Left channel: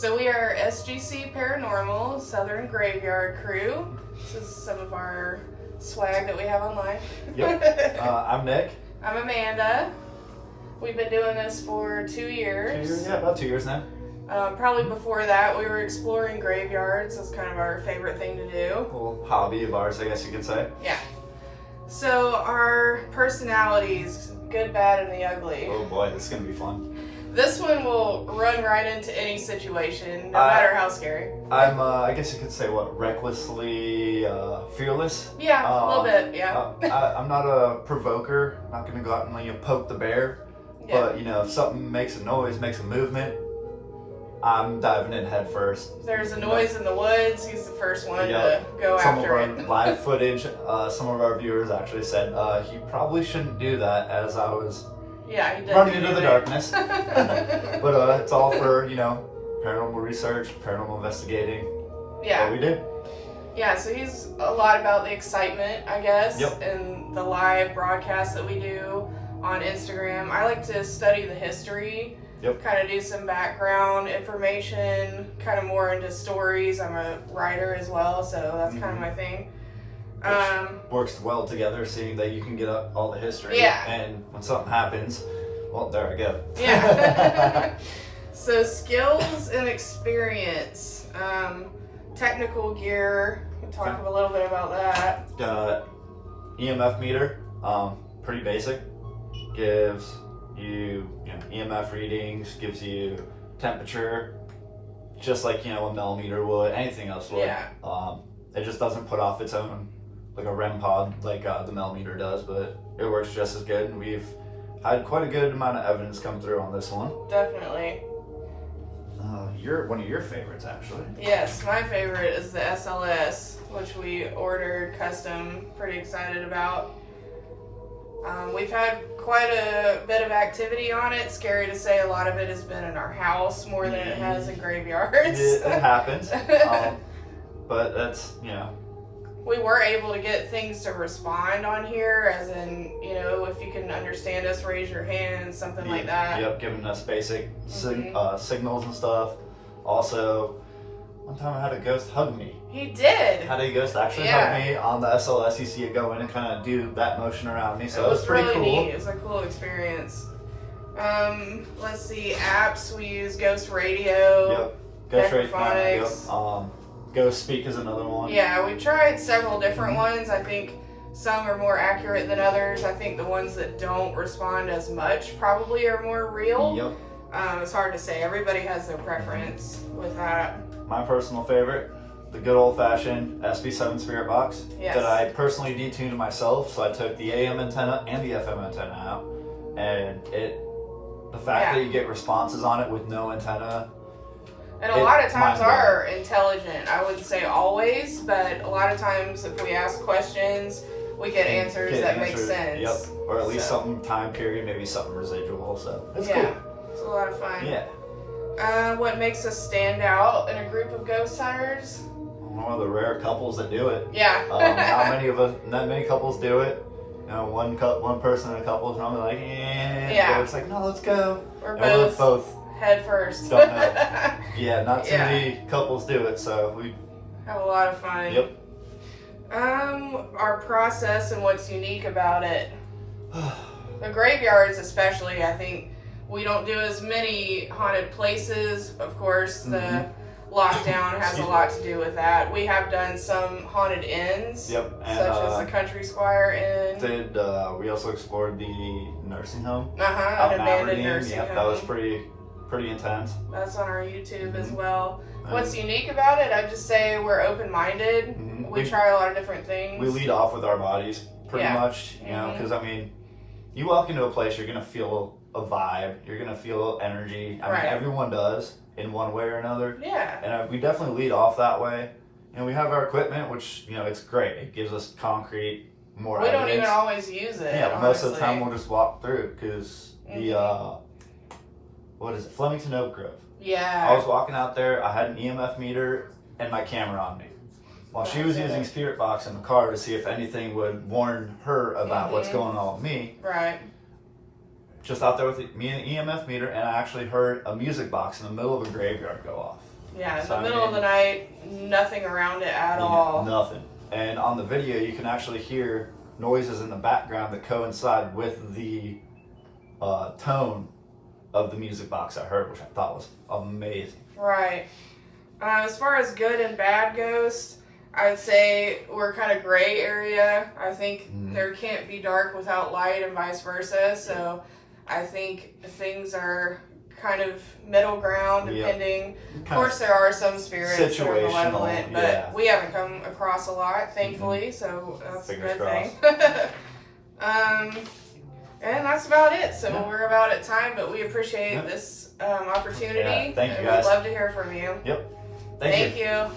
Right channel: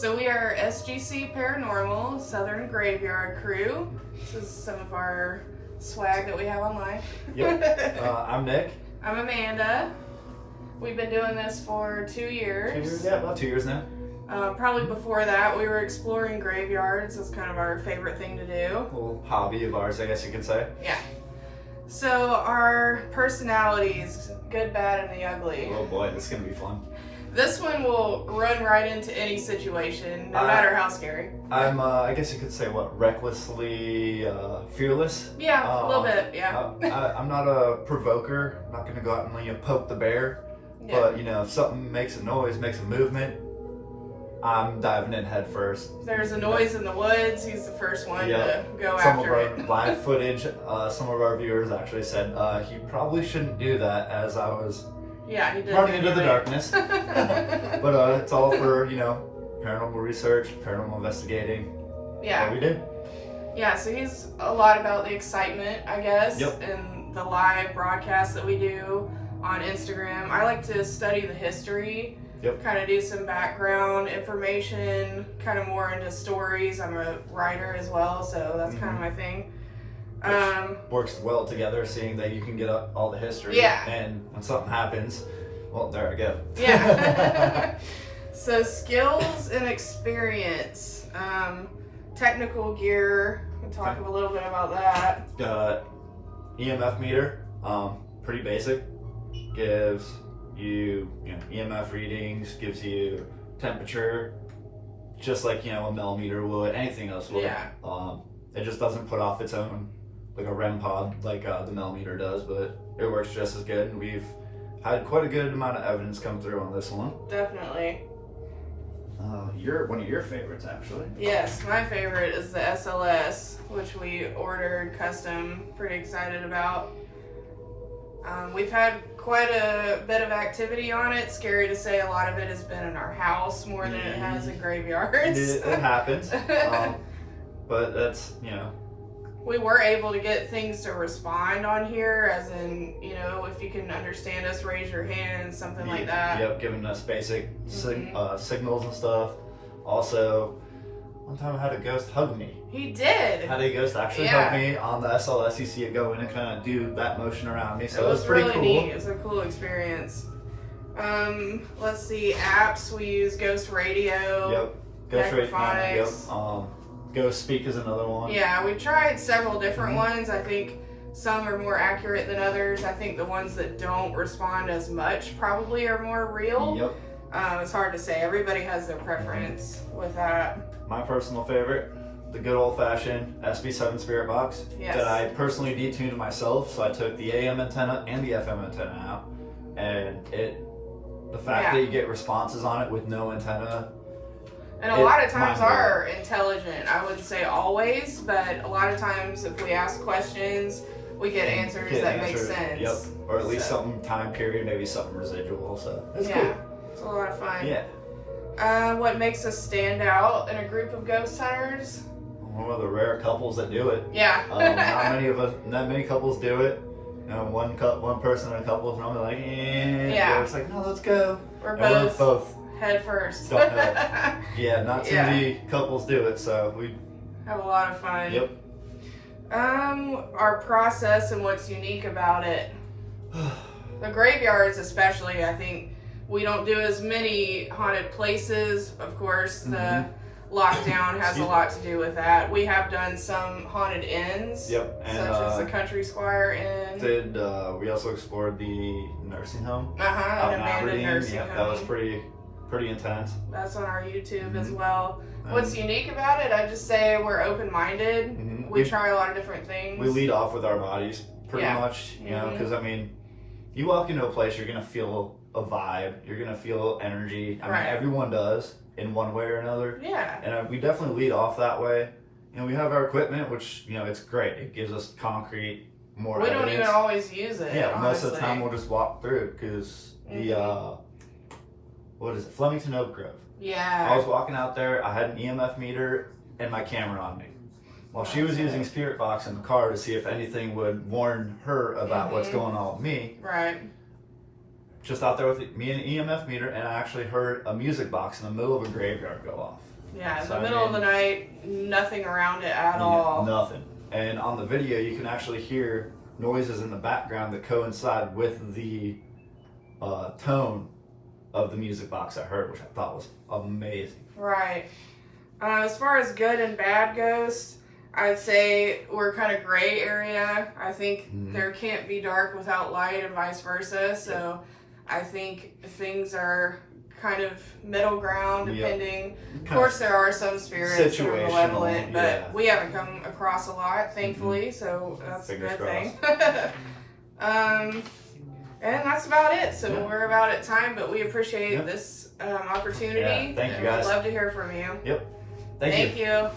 So we are SGC Paranormal, Southern Graveyard Crew. This is some of our swag that we have online. Yep. I'm Nick. I'm Amanda. We've been doing this for 2 years. Yeah, about 2 years now. Probably before that, we were exploring graveyards. That's kind of our favorite thing to do. A little hobby of ours, I guess you could say. Yeah. So our personalities, good, bad, and the ugly. Oh boy, this is going to be fun. This one will run right into any situation, no matter how scary. I'm, I guess you could say, recklessly fearless? Yeah, a little bit, yeah. I'm not a provoker. I'm not going to go out and poke the bear. Yeah. But, if something makes a noise, makes a movement, I'm diving in head first. If there's a noise in the woods, he's the first one to go after it. Some of our live footage, some of our viewers actually said he probably shouldn't do that as I was he did running into the darkness. But it's all for, paranormal research, paranormal investigating. Yeah. We did. Yeah, so he's a lot about the excitement, I guess, yep. and the live broadcasts that we do on Instagram. I like to study the history. Yep. Kind of do some background information, kind of more into stories. I'm a writer as well, so that's kind of my thing. Works well together, seeing that you can get up all the history. Yeah. And when something happens, well, there I go. Yeah. So skills and experience. Technical gear. We'll talk a little bit about that. EMF meter, pretty basic. Gives you EMF readings, gives you temperature, just like a millimeter would, anything else would. Yeah. It just doesn't put off its own like a REM pod like the millimeter does, but it works just as good, and we've had quite a good amount of evidence come through on this one. Definitely. You're one of your favorites, actually. Yes, my favorite is the SLS, which we ordered custom. Pretty excited about. We've had quite a bit of activity on it. Scary to say, a lot of it has been in our house more than it has in graveyards. It happens. But that's, We were able to get things to respond on here, as in, if you can understand us, raise your hand, something like that. Yep, giving us basic signals and stuff. Also, one time I had a ghost hug me. He did. Had a ghost actually hug me on the SLS. You see it go in and kind of do that motion around me. So it was pretty really cool. Neat. It was a cool experience. Let's see, apps. We use Ghost Radio. Yep. Ghost Radio. Yep. Ghost Speak is another one. Yeah, we tried several different ones. I think some are more accurate than others. I think the ones that don't respond as much probably are more real. Yep. It's hard to say. Everybody has their preference with that. My personal favorite, the good old-fashioned SB7 Spirit Box that I personally detuned myself. So I took the AM antenna and the FM antenna out, and the fact that you get responses on it with no antenna. And a lot of times are intelligent. I wouldn't say always, but a lot of times if we ask questions, we get answers that make sense. Yep. Or at least some time period, maybe something residual. So it's cool. It's a lot of fun. Yeah. What makes us stand out in a group of ghost hunters? One of the rare couples that do it. Yeah. Not many couples do it. One person in a couple is normally like, yeah. It's like, no, let's go. We're both head first. Don't know. Yeah, not too many couples do it, so we have a lot of fun. Yep. Our process and what's unique about it. The graveyards especially, I think we don't do as many haunted places. Of course, the lockdown has a lot to do with that. We have done some haunted inns, such as the Country Squire Inn. We also explored the nursing home. An abandoned nursing home. That was pretty intense. That's on our YouTube as well. What's unique about it? I just say we're open-minded. We try a lot of different things. We lead off with our bodies, pretty much. Because you walk into a place, you're gonna feel a vibe. You're gonna feel energy. I mean, everyone does in one way or another. Yeah. And we definitely lead off that way. And we have our equipment, which it's great. It gives us concrete, more We evidence. don't even always use it. Yeah, honestly. most of the time we'll just walk through because the what is it, Flemington Oak Grove. Yeah. I was walking out there. I had an EMF meter and my camera on me, while she was using Spirit Box in the car to see if anything would warn her about what's going on with me. Right. just out there with me and an EMF meter, and I actually heard a music box in the middle of a graveyard go off. Yeah, in the middle of the night, nothing around it at all. Nothing. And on the video, you can actually hear noises in the background that coincide with the tone of the music box I heard, which I thought was amazing. Right. As far as good and bad goes, I'd say we're kind of gray area. I think there can't be dark without light and vice versa. So I think things are kind of middle ground depending. Of course, there are some spirits that are malevolent, but we haven't come across a lot, thankfully, so that's Fingers a good crossed. thing. And that's about it. So we're about at time, but we appreciate this opportunity. Thank you, guys. We'd love to hear from you. Yep. Thank you.